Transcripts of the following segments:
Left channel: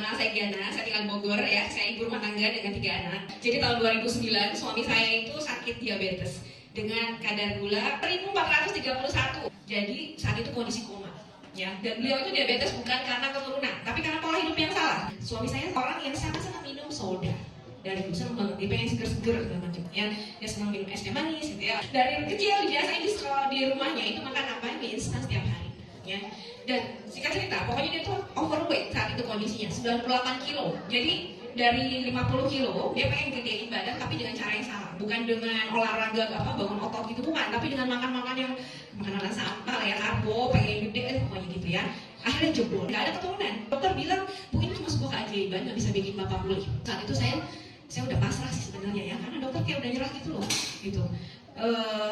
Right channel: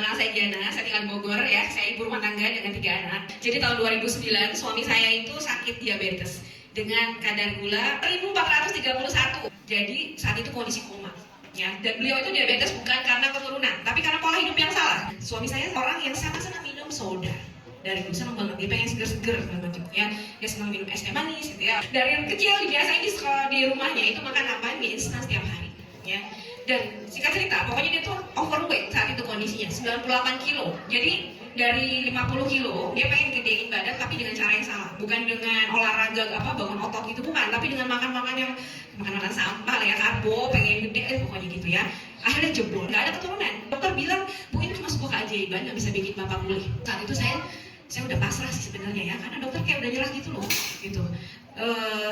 mengenal saya Giana, saya tinggal di Bogor ya, saya ibu rumah tangga dengan 3 anak. Jadi tahun 2009 suami saya itu sakit diabetes dengan kadar gula 1431. Jadi saat itu kondisi koma. Ya, dan beliau itu diabetes bukan karena keturunan, tapi karena pola hidup yang salah. Suami saya orang yang sangat senang minum soda. Dari dulu senang banget, dia pengen seger-seger macam ya. Dia senang minum es teh manis gitu ya. Dari kecil dibiasain di rumahnya itu makan apa? Mie instan setiap hari. Ya. Dan singkat cerita, pokoknya dia tuh overweight saat itu kondisinya 98 kilo. Jadi dari 50 kilo dia pengen gedein badan tapi dengan cara yang salah, bukan dengan olahraga bangun otot gitu, bukan, tapi dengan makan yang makanan sampah lah ya, karbo, pengen gede pokoknya gitu ya. Akhirnya jebol, nggak ada keturunan. Dokter bilang, bu ini cuma sebuah keajaiban nggak bisa bikin bapak pulih. Saat itu saya udah pasrah sih sebenarnya ya, karena dokter kayak udah nyerah gitu loh gitu.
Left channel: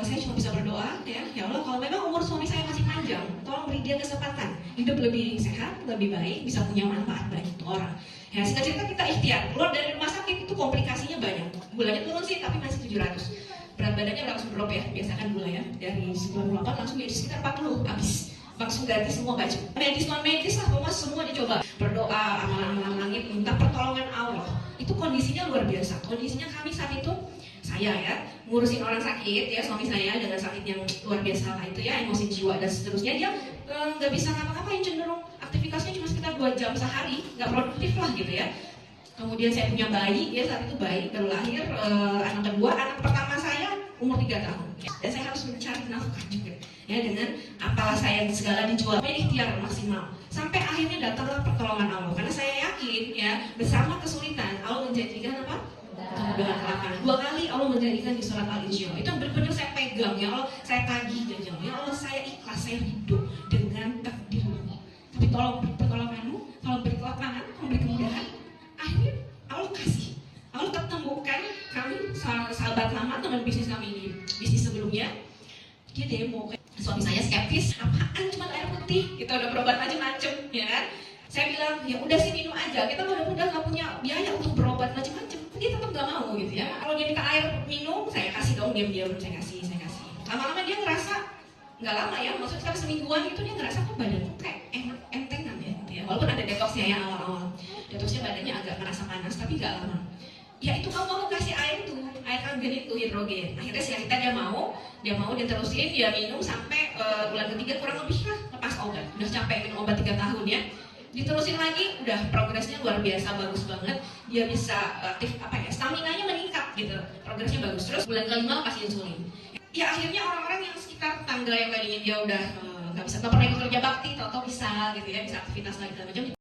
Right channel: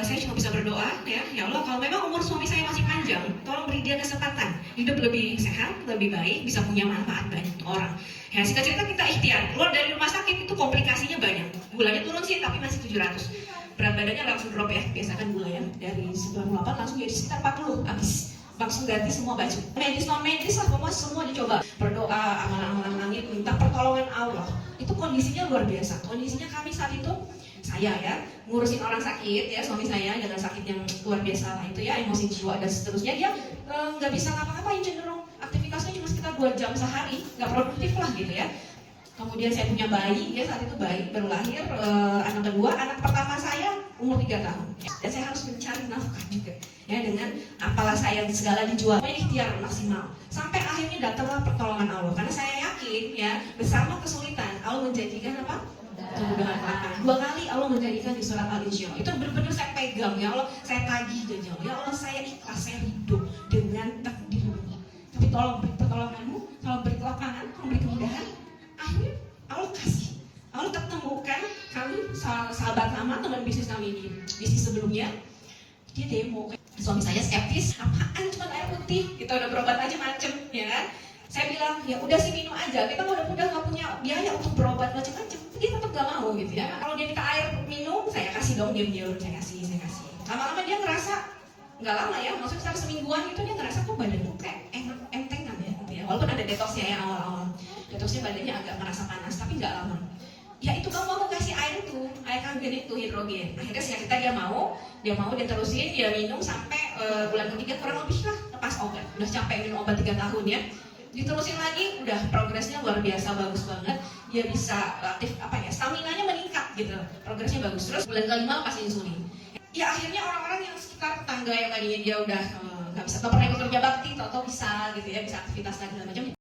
Saya cuma bisa berdoa ya Allah, kalau memang umur suami saya masih panjang, tolong beri dia kesempatan hidup lebih sehat, lebih baik, bisa punya manfaat banyak untuk orang. Ya singkat cerita kita ikhtiar keluar dari rumah sakit, itu komplikasinya banyak. Gulanya turun sih tapi masih 700. Berat badannya langsung drop ya, biasa kan gula ya, dari 98 langsung jadi sekitar 40 habis. Langsung ganti semua baju, medis non medis lah, pokoknya semua dicoba. Berdoa, amalan langit, minta pertolongan Allah. Itu kondisinya luar biasa. Kondisinya kami saat itu, saya ya ngurusin orang sakit ya, suami saya dengan sakit yang luar biasa lah itu ya, emosi jiwa dan seterusnya. Dia nggak bisa ngapa-ngapain, cenderung aktivitasnya cuma sekitar 2 jam sehari, nggak produktif lah gitu ya. Kemudian saya punya bayi ya, saat itu bayi baru lahir, anak kedua, anak pertama saya umur 3 tahun ya. Dan saya harus mencari nafkah juga ya, dengan apalah saya segala dijual, ikhtiar maksimal sampai akhirnya datanglah pertolongan Allah. Karena saya yakin ya, bersama kesulitan Allah menjanjikan apa? Kemudahan akan. 2 kali Allah menjadikan di surat Al-Insyirah. Itu benar-benar saya pegang ya Allah, saya tagih janji ya Allah, saya ikhlas, saya hidup dengan takdir Allah. Tapi tolong beri pertolonganmu, tolong beri kelapangan, tolong beri kemudahan. Akhirnya Allah kasih, Allah ketemukan kami sahabat lama, teman bisnis kami ini, bisnis sebelumnya. Dia demo, suami saya skeptis, apaan cuma air putih, kita udah berobat macam-macam ya kan. Saya bilang, ya udah sih minum aja, kita udah nggak punya biaya untuk berobat macam-macam. Dia tetap nggak mau gitu ya. Kalau dia minta air minum, saya kasih dong, diam-diam saya kasih. Lama-lama dia ngerasa, nggak lama ya, maksudnya sekitar semingguan gitu dia ngerasa kok badanku kayak entengan ya, gitu ya. Walaupun ada detoxnya ya awal-awal, detoxnya badannya agak merasa panas, tapi nggak lama. Ya itu kamu kasih air itu, air argen itu hidrogen. Akhirnya kita dia mau dia terusin, dia minum sampai bulan ketiga kurang lebih lah lepas obat. Udah capek minum obat 3 tahun ya. Diterusin lagi, udah progresnya luar biasa, bagus banget. Dia bisa aktif staminanya meningkat gitu, progresnya bagus. Terus bulan kelima pas insulin. Ya akhirnya orang-orang yang sekitar tetangga yang tadinya dia udah nggak bisa, atau pernah ikut kerja bakti, atau bisa gitu ya, bisa aktivitas lagi dan macam.